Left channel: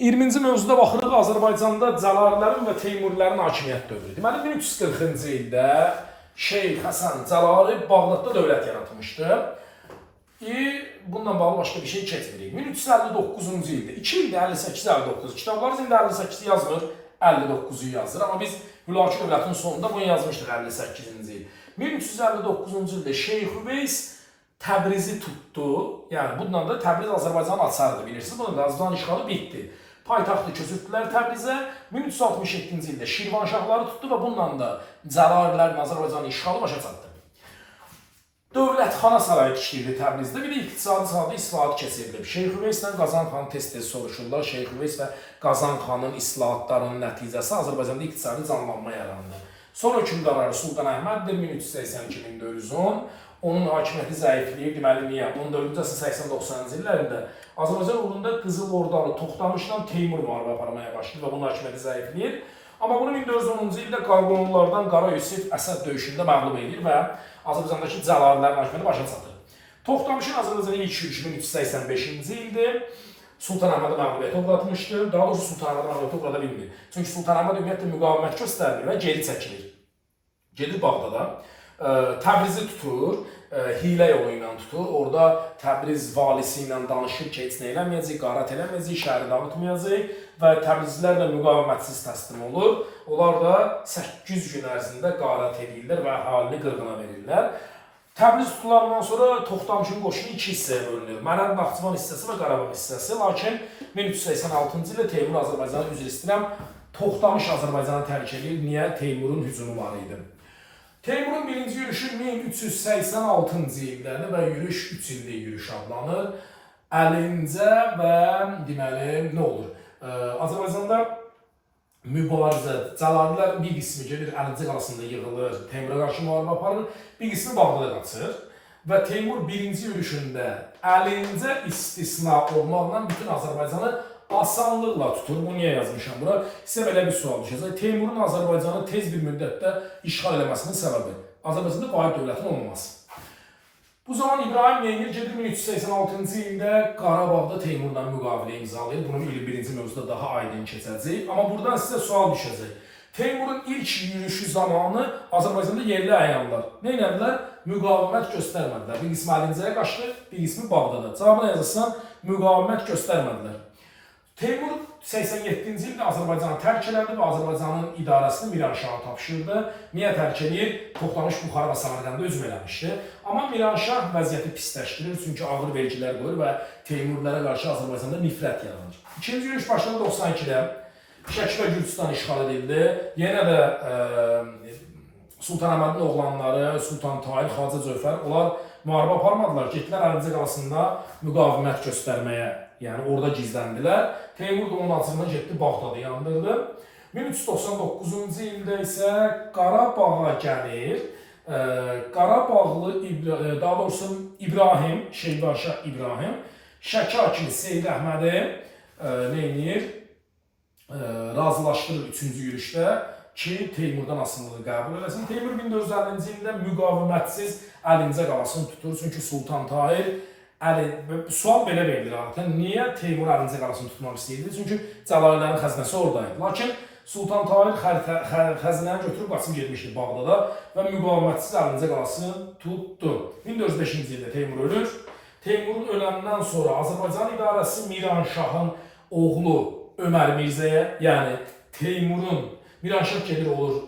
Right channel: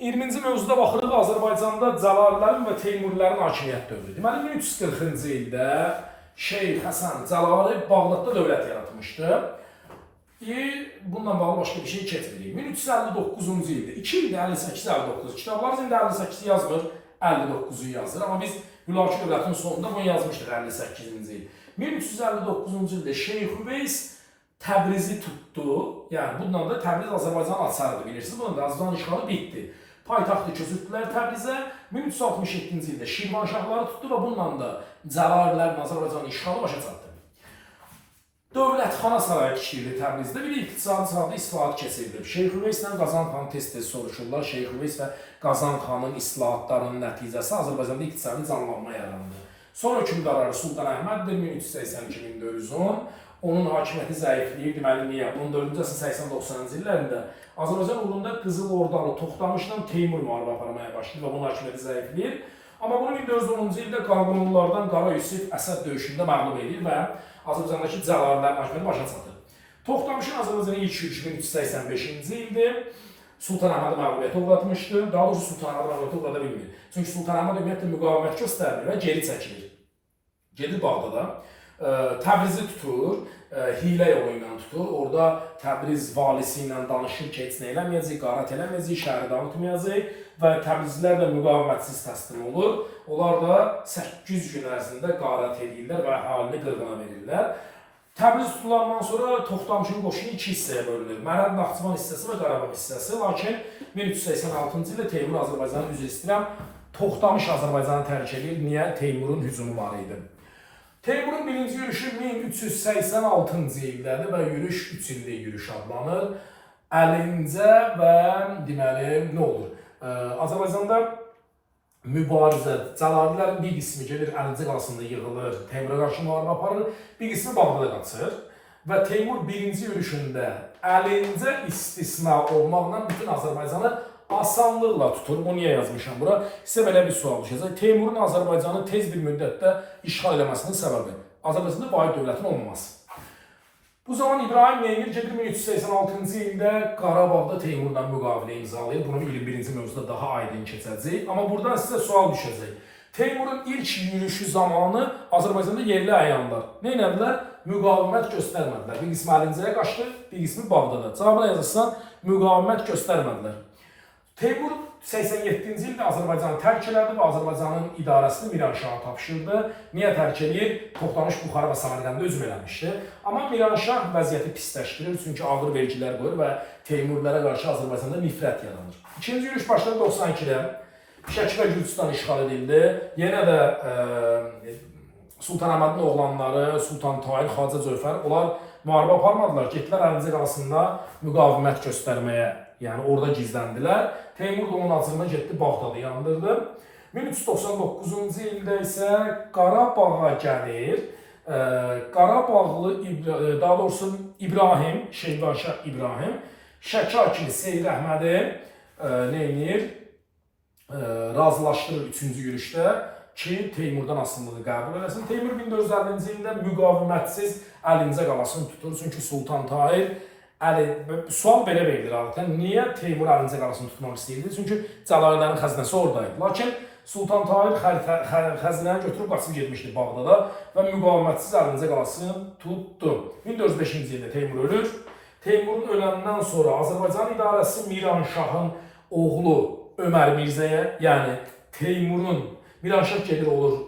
20-ci mövzuda baxırıq Azərbaycanda Cəlalilərin və Teymurilərin hakimiyyət dövrü. Deməli 1340-cı ildə Şeyx Həsən Cəlali Bağdadda dövlət yaratmışdı. Bununla bağlı başqa bir şey keçmirik. 1359-cu ildə, 2 ildə 58-59, kitablar indi 58 yazmır, 59-u yazır. Amma biz Hülaki dövlətin sonunda bunu yazmışdıq 58-ci il. 1359-cu ildə Şeyx Üveys Təbrizi tutdu. Yəni bundan da Təbriz Azərbaycanın açarıdır, bilirsiniz. Bunun da Azərbaycan işğalı bitdi. Paytaxtı köçürtdülər Təbrizə. 1367-ci ildə Şirvanşahları tutdu və bununla da Cəlalilərin Azərbaycanın işğalı başa çatdı. Dövlətxana sarayı tikildi Təbrizdə. Bir də iqtisadi sahədə islahat keçirilib. Şeyx Üveys ilə Qazan xan tez-tez soruşurlar. Şeyx Üveys və Qazan xanın islahatlarının nəticəsi Azərbaycanda iqtisadi canlanma yarandı. Son hökmdarları Sultan Əhməddir, 1382-1410. Onun hakimiyyəti zəifləyib, deməli niyə? 14-cü əsrin 80-90-cı illərində Azərbaycan uğrunda Qızıl Ordalı Toxtamışla Teymur müharibə aparmaya başlayır və bunun hakimiyyəti zəifləyir. Amma bunu 1410-cu ildə Qarqonlulardan Qara Yusif Əsəd döyüşündə məğlub edir və Azərbaycandakı Cəlalilərin hakimiyyəti başa çatır. Toxtamışın Azərbaycana ilk yürüşü 1385-ci ildir. Sultan Əhmədi məğlubiyyətə uğratmışdır. Daha doğrusu Sultan Əhmədi məğlubiyyətə uğrada bilmir. Çünki Sultan Əhməd ümumiyyətlə müqavimət göstərir və geri çəkilir. Gedir Bağdada. Təbrizi tutur, hilə yolu ilə tutur. Orada Təbriz valisi ilə danışır ki, heç nə eləməyəcək, qarət eləməyəcək, şəhəri dağıtmayacaq və Təbrizlilər də müqavimətsiz təslim olur. Onlar da 800 gün ərzində qarət edirlər və əhalini qırğına verirlər. Təbriz tutulandan sonra Toxtamışın qoşunu iki hissəyə bölünür. Mərəd Naxçıvan hissəsi və Qarabağ hissəsi. Lakin 1386-cı ildə Teymur Azərbaycanı üzr istəyirəm, Toxtamış Azərbaycanı tərk edir. Niyə? Teymurun hücumu var idi. Teymurun birinci yürüşü 1386-cı ildədir və yürüş 3 illik yürüş adlanır. Əlincə və deməli nə olur? Azərbaycanda mübarizə, Cəlalilərin bir qismi gedir Əlincə qalasında yığılır, Teymura qarşı müharibə aparır, bir qismi Bağdada qaçır və Teymur birinci yürüşündə Əlincə istisna olmaqla bütün Azərbaycanı asanlıqla tutur. Bunu niyə yazmışam bura? Sizə belə bir sual düşəcək. Teymurun Azərbaycanı tez bir müddətdə işğal eləməsinin səbəbi Azərbaycanda vahid dövlətin olmaması. Bu zaman İbrahim Neymir gedir 1386-cı ildə Qarabağda Teymurla müqavilə imzalayır. Bunu 21-ci mövzuda daha aydın keçəcək. Amma buradan sizə sual düşəcək. Teymurun ilk yürüyüşü zamanı Azərbaycanda yerli əyanlar nə edilər? Müqavimət göstərmədilər. Bir qismi Əlincəyə qaçdı, bir qismi Bağdada. Cavabına yazırsan, müqavimət göstərmədilər. Teymur 87-ci ildə Azərbaycanı tərk elədi və Azərbaycanın idarəsini Miranşaha tapşırdı. Niyə tərk edir? Toxtamış Buxara və Samarqanda hücum eləmişdi. Amma Miranşah vəziyyəti pisləşdirir, çünki ağır vergilər qoyur və Teymurlara qarşı Azərbaycanda nifrət yaranır. İkinci yürüş başladı 92-də. Şəki və Gürcüstan işğal edildi. Yenə də Sultan Əhmədin oğlanları, Sultan Tahir, Xacə Cövfər, onlar müharibə aparmadılar. Getdilər Əlincə qalasında müqavimət göstərməyə. Yəni orada gizləndilər. Teymur da onun acığına getdi, Bağdadı yandırdı. 1399-cu ildə isə Qarabağa gəlir. Qarabağlı, daha doğrusu İbrahim, Şeyxvanşah İbrahim, Şəki hakimi Seyid Əhmədi nə edir? Razılaşdırır 3-cü yürüşdə ki, Teymurdan asılılığı qəbul eləsin. Teymur 1450-ci ildə müqavimətsiz Əlincə qalasını tutur. Çünki Sultan Tahir sual belə verilir adətən. Niyə Teymur Əlincə qalasını tutmaq istəyirdi? Çünki Cəlalilərin xəzinəsi oradaydı. Lakin Sultan Tahir xəzinəni götürüb qaçıb getmişdi Bağdada və müqavimətsiz Əlincə qalasını tutdu. 1405-ci ildə Teymur ölür. Teymurun öləndən sonra Azərbaycan idarəsi Miranşahın oğlu Ömər Mirzəyə, yəni Teymurun, Miranşah gedir olur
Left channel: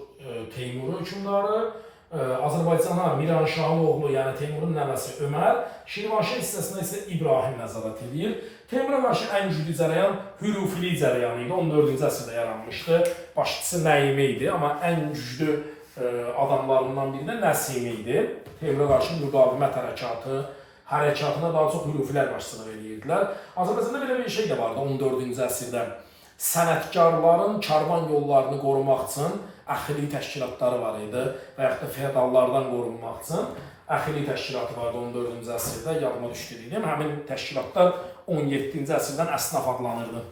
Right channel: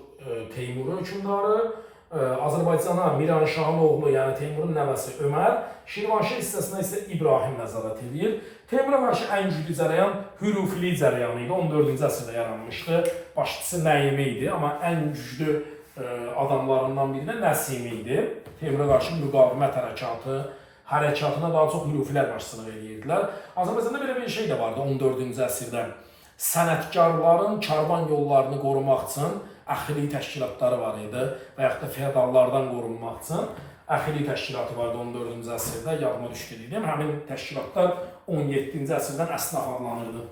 Teymurun hökmdarı, Azərbaycana Miranşahın oğlu, yəni Teymurun nəvəsi Ömər, Şirvanşah hissəsinə isə İbrahim nəzarət edir. Teymura qarşı ən güclü cərəyan Hürufili cərəyanı idi, 14-cü əsrdə yaranmışdı. Başçısı Nəyimi idi, amma ən güclü adamlarından biri də Nəsimi idi. Teymura qarşı müqavimət hərəkatına daha çox Hürufilər başçılıq edirdilər. Azərbaycanda belə bir şey də vardı 14-cü əsrdə. Sənətkarların karvan yollarını qorumaq üçün əxili təşkilatları var idi və yaxud da feodallardan qorunmaq üçün əxili təşkilatı vardı 14-cü əsrdə, yadıma düşdü deyim. Həmin təşkilatlar 17-ci əsrdən əsnaf adlanırdı.